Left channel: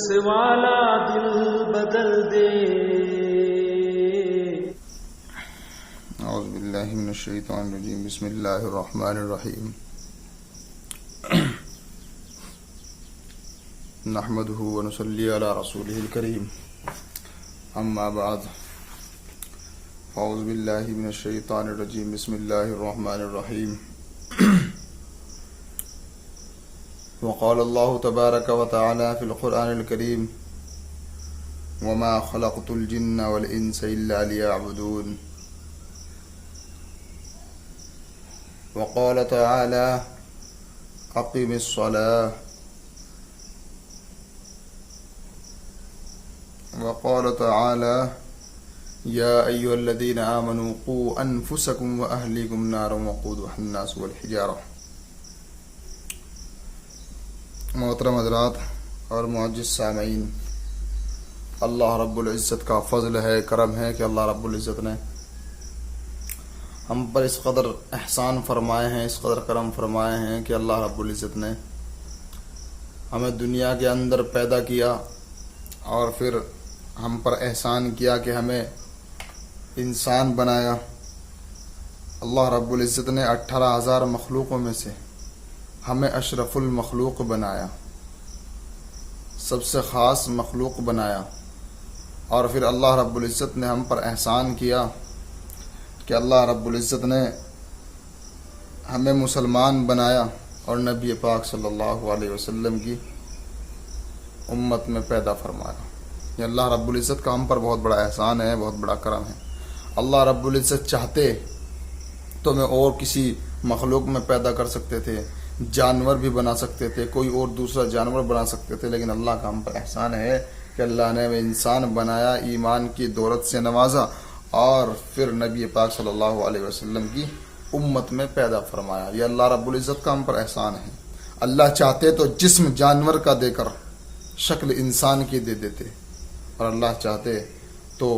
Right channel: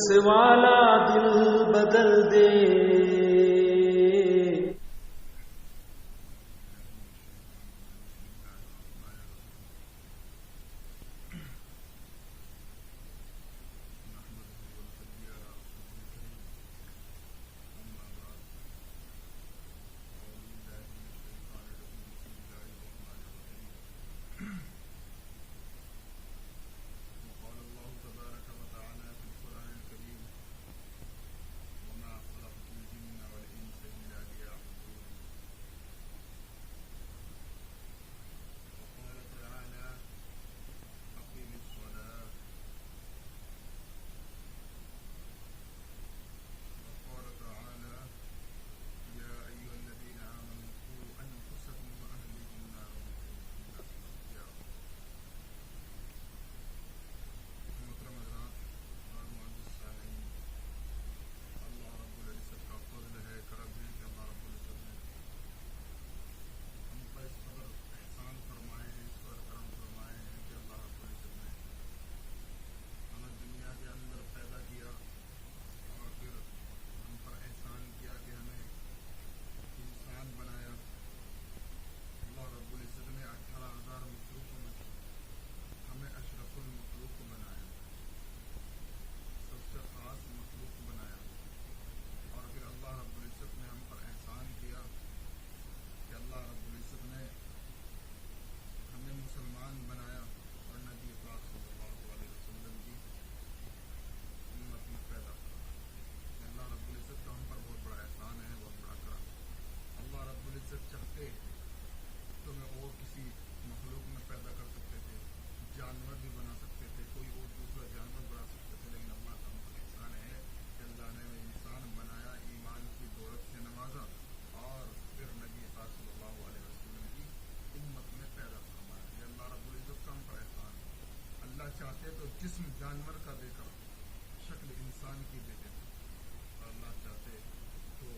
ہنس والا دل بدل دے. اعوذ باللہ من الشیطان الرجیم. بسم اللہ الرحمن الرحیم. نحمده ونصلی علی رسوله الکریم. اما بعد. اعوذ باللہ من الشیطان الرجیم. بسم اللہ الرحمن الرحیم. وقال اللہ تبارک وتعالی فی القرآن الکریم وما خلقت الجن والانس الا لیعبدون. وقال تعالى أقم الصلاة. وقال تعالى يا أيها الذين آمنوا قوا أنفسكم وأهليكم نارا وقودها الناس والحجارة. محترم حضرات اور معزز سامعین، اللہ رب العزت کا فضل ہے، کرم ہے کہ اللہ رب العزت نے ہم پر اس قدر احسان فرمائے ہیں، اس قدر کرم فرمائے ہیں کہ اللہ رب العزت نے ہمیں دنیا کے اندر پیدا کیا اور پھر ہم پر احسان کیا کہ ہمیں انسان بنایا. اللہ رب العزت نے 18,000 مخلوقوں میں سے ہمیں اشرف المخلوق بنایا، سب سے خاص مخلوق بنایا. اور پھر اللہ رب العزت نے ہم پر احسان کیا کہ اللہ رب العزت نے ہمیں مسلمان بنایا اور نبی پاک صلی اللہ علیہ وسلم کی امت میں پیدا فرمایا. یہ اللہ رب العزت کا ہم پر بہت بڑا احسان ہے، بہت بڑا کرم ہے. اللہ رب العزت چاہتے تو میں اور کسی مخلوق میں پیدا کر سکتے تھے، جانور بھی بنا سکتے تھے، کوئی اور دوسرا جانور بنا سکتے تھے، لیکن اللہ کا ہم پر احسان ہے کہ اللہ نے ہمیں انسان بنایا، ایمان کی دولت سے نوازا اور پھر نبی پاک صلی اللہ علیہ وسلم کی امت میں پیدا فرمایا. یہ اللہ رب العزت کا ہم پر احسان ہے. اللہ چاہتے تو جسم جانور کا دے کر شکل انسان کی دے دیتے، اور اللہ چاہتے تو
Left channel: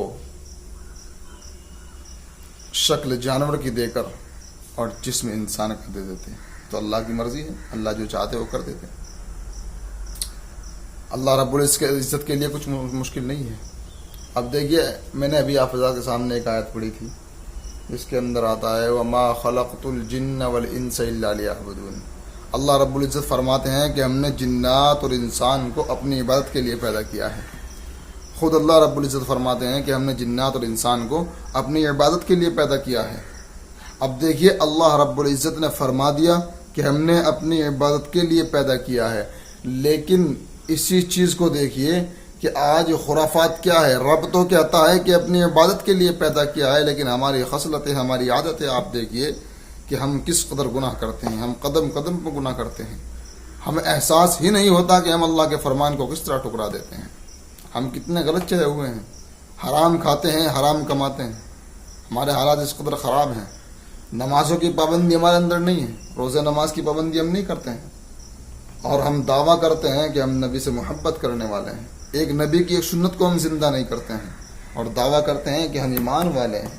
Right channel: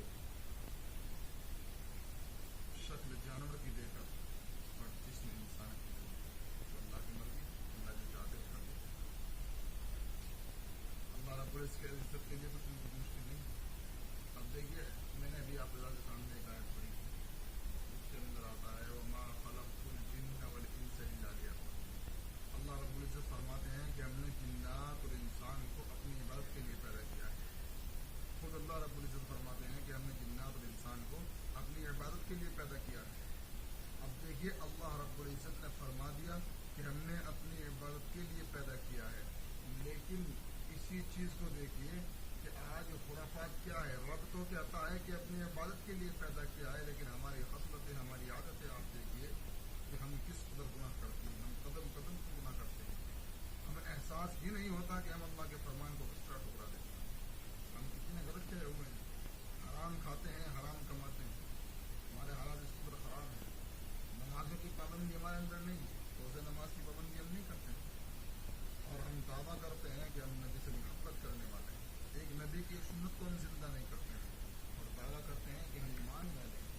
شکل جانور کی دے کر اور جسم انسان کا دے دیتے. تو اللہ کی مرضی ہے، اللہ جو چاہتے وہ کر دیتے. اللہ رب العزت کے لیے کچھ مشکل نہیں ہے. اب دیکھیے، میں نے ابھی آپ حضرات کے سامنے ایک آیت پڑھی تھی جس کے اندر آتا ہے وَمَا خَلَقْتُ الْجِنَّ وَالْإِنسَ إِلَّا لِيَعْبُدُونِ. اللہ رب العزت فرماتے ہیں کہ ہم نے جنات اور انسان کو اپنی عبادت کے لیے پیدا کیا ہے. خود اللہ رب العزت فرماتے ہیں کہ ہم نے جنات اور انسان کو اپنی عبادت کے لیے پیدا کیا ہے. اب دیکھیے، اللہ رب العزت نے فرما دیا کہ ہم نے اپنی عبادت کے لیے پیدا کیا ہے، لیکن اسی چیز کو دیکھیے کہ آج خرافات کیا ہے. رب تو کہتا ہے کہ اپنی عبادت کے لیے پیدا کیا ہے، لیکن ہماری خصلتیں، ہماری عادتیں آپ دیکھیے کہ ہم کس قدر گناہ کرتے ہیں. ہم قدم قدم پہ گناہ کرتے ہیں. ہمیں احساس ہی نہیں ہوتا کہ ہم اللہ کے فرمان کو کس طرح ٹکرا دیتے ہیں. ہم کتنے غلط چلے ہوئے ہیں. حرام کھاتے ہیں، حرام کماتے ہیں. ہمارے حالات اس قدر خراب ہیں. نمازوں کی پابندی ہمارے اندر نہیں ہے، روزہ نماز کی پابندی ہم نہیں کرتے ہیں، اور ہم دعویٰ کرتے ہیں کہ ہم نبی سے محبت کرنے والے ہیں. ایک نبی کی ایک سنت کو ہم زندہ نہیں کرتے ہیں اور دعویٰ کرتے ہیں کہ ہم ایمان والے ہیں.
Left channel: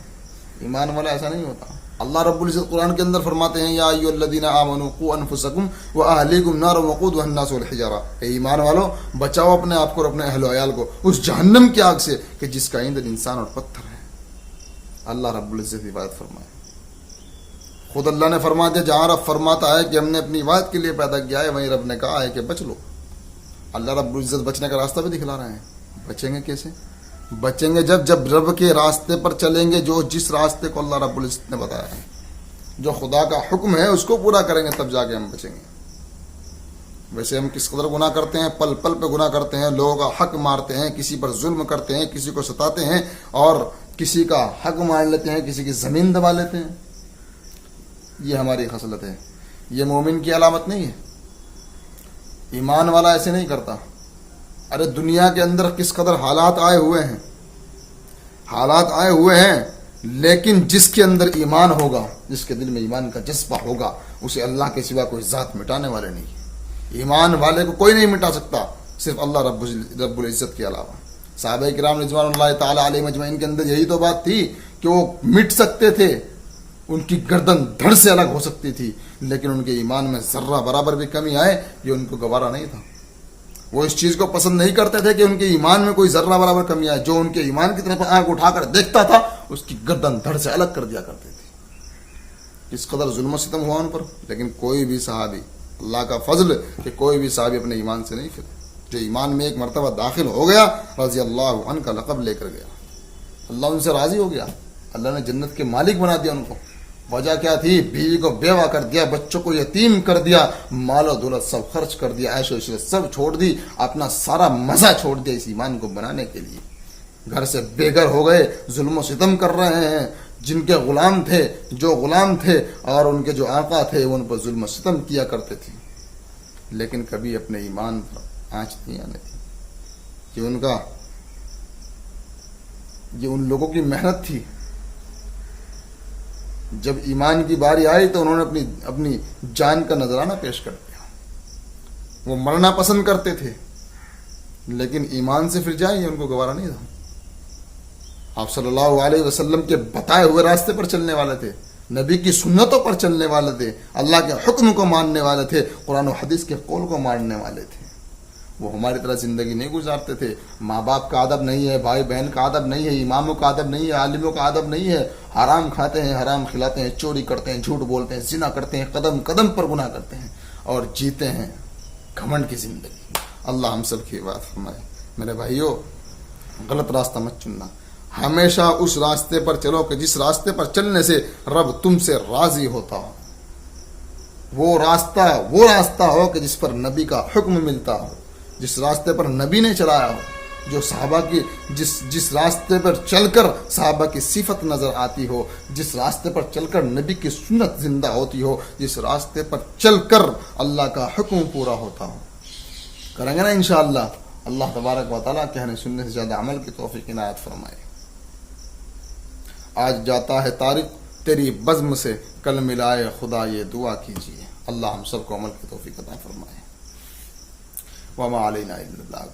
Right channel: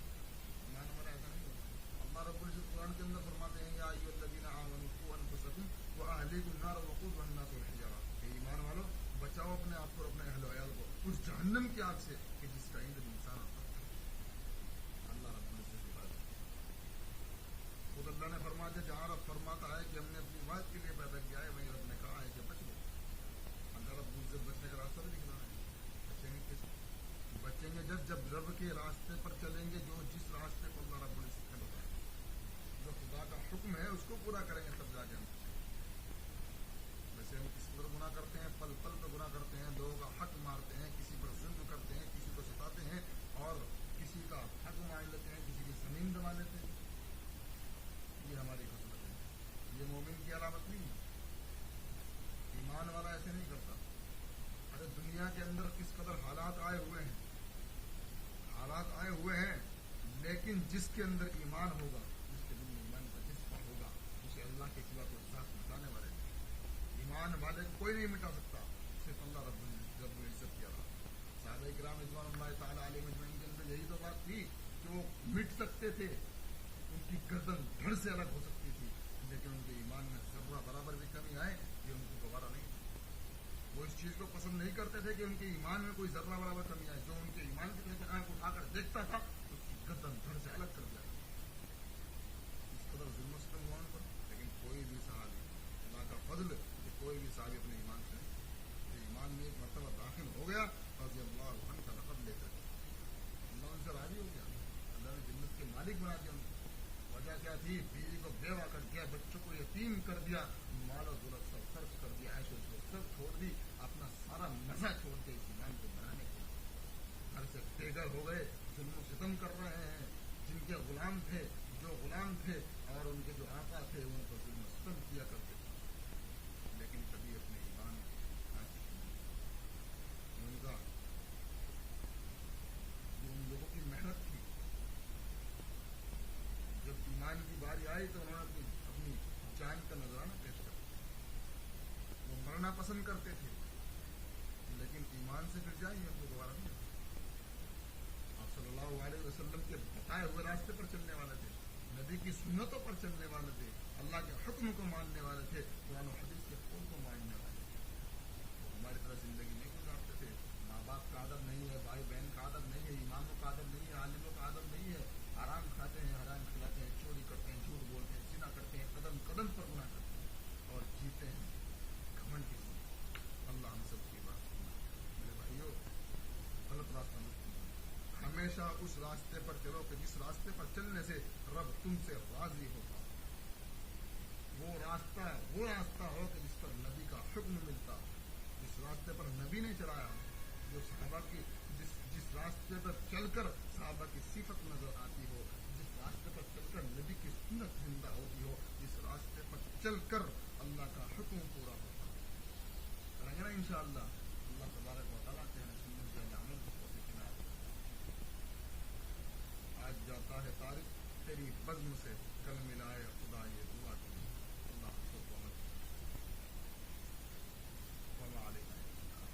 ایمان والا ایسا نہیں ہوتا. اللہ رب العزت قرآن کے اندر فرماتے ہیں یا ایھا الذین آمنوا قوا انفسکم واہلیکم نارا وقودها الناس والحجارہ. اے ایمان والو، بچاؤ اپنے آپ کو اور اپنے اہل و عیال کو اس جہنم کی آگ سے کہ جس کا ایندھن انسان اور پتھر ہے. اللہ رب العزت عبادت فرمائے. خود اللہ نے فرما دیا، جہاں رب فرماتا ہے کہ ہم نے اپنی عبادت کے لیے پیدا کیا ہے، وہیں رب نے کہا ہے کہ بچ لو. اللہ رب العزت بچنے کا راستہ بھی دکھلا رہے ہیں. بچیں گے کیسے؟ بچیں گے جب رب کے راستے پر چلیں گے، جو جس راستے کو اللہ رب العزت نے بتایا ہے، جو خدا کا حکم ہے اس کو پورا کریں گے، تب جا کے ہم بچیں گے. ویسے ہم کس قدر گناہ کرتے ہیں، پل پل پہ گناہ کرتے ہیں، لوگوں کا حق مارتے ہیں، کسی پر ظلم کرتے ہیں، کسی کو ستاتے ہیں اور کسی کا حق مار لیتے ہیں، کسی کی زمین دبا لیتے ہیں. یہ ہماری خصلت ہے. یہ مومن کی علامت نہیں ہے. ایمان والا ایسے نہیں کرتا. ارے دنیا کے اندر کس قدر حالات آئے ہوئے ہیں، لیکن جس کے اندر ایمان ہوگا، جس کے دل میں ایمان کا جذبہ ہوگا، اسے اللہ کے سوا کوئی ذات مٹانے والے نہیں. ایمان والے کو کوئی نہیں مٹا سکتا، صرف اللہ رب العزت کے علاوہ. صحابہ کرام رضوان اللہ تعالی علیہ اجمعین کے اندر یہی تو بات تھی کہ وہ مٹ سکتے تھے، ان کی گردن دھڑ سے الگ ہو سکتی تھی، لیکن ان کے ایمان میں ذرہ برابر بھی کمی آئے یہ ان کو گوارا نہیں تھا. وہ اس چیز کو پسند نہیں کرتے تھے کہ ان کے ایمان میں کوئی ذرہ برابر کمی آئے. جو ان کے ایمان کی طرف آنکھ اٹھا کر دیکھتا تھا اس کی گردن دھڑ سے الگ کر دیا کرتے تھے. اس قدر ظلم و ستم ہوا ان پر. لیکن کوئی بھی صحابی, اللہ کا فضل کہ کوئی بھی صحابی اپنے ایمان سے نہیں پھر. جو ایمان میں ایک مرتبہ داخل ہو گیا, رضی اللہ عنہ کا لقب لے کر گیا, اللہ ان سے راضی ہو گیا, اللہ نے جنت کے مالک بنا دیا ان کو. وجہ کیا تھی؟ بیوی کو بیوہ کر دیا, بچوں کو یتیم کر دیا, مال و دولت سب خرچ کر دیا, عیش و عشرت سب چھوڑ دی, اپنا سارا مزہ چھوڑ دیا اس ایمان کو بنانے کے لیے. گھر سے بے گھر ہو گئے, ظلم و ستم کر رہے ہیں. جن کے غلام تھے, جو غلام تھے اور ان کے جو آقا تھے, وہ ان پر ظلم و ستم کیا کرتے تھے. لیکن کبھی اپنے ایمان پر آنچ نہیں آنے تھی. یہ ان لوگوں کی محنت تھی. جب ایمان کی باری آئی تو انہوں نے اپنی جان کا نذرانہ پیش کر دیا. وہ مرنا پسند کرتے تھے لیکن ایمان سے پھر جائیں, ان کو گوارا نہیں تھا. آپ صلی اللہ علیہ وسلم کے بتائے ہوئے راستے پر چلنے والے تھے, نبی کی سنتوں پر چلنے والے تھے, اللہ کے حکم کو ماننے والے تھے, قرآن و حدیث کے قول کو ماننے والے تھے. وہ ہماری طرح زندگی نہیں گزارتے تھے. ماں باپ کا ادب نہیں ہے, بھائی بہن کا ادب نہیں ہے, اماموں کا ادب نہیں ہے, عالموں کا ادب نہیں ہے. حرام کھاتے ہیں, حرام کھلاتے ہیں, چوری کرتے ہیں, جھوٹ بولتے ہیں, زنا کرتے ہیں, قدم قدم پر گناہ کرتے ہیں اور جیتے ہیں گھمنڈ کی زندگی. اللہ ہم سب کی بات فرمائے. میرے بھائیوں, غلط راستہ مت چننا. ہمیشہ اس راستے پر چلو کہ جس راستے پر چلنے سے رب تم سے راضی ہوتا ہو. وہ راستہ ہو کہ جس پر نبی کا حکم ملتا ہو, جس راستے پر نبی نے چلایا ہو, جو صحابہ کی جس راستے پر چل کر صحابہ کی صفت نظر آتی ہو, جس راستے پر چل کر نبی کی سنت زندہ ہوتی ہو, جس راستے پر چل کر اللہ کا حکم پورا ہوتا ہو. کریں گے نا انشاءاللہ. اللہ تبارک و تعالیٰ کہنے سننے سے زیادہ عمل کی توفیق عنایت فرمائے. آج جاتا ہے طارق تیری بزم سے, کل ملائے خدا یہ دعا کیجیے. اللہ ہم سب کو عمل کی توفیق عطا فرمائے. وما علینا الا البلاغ.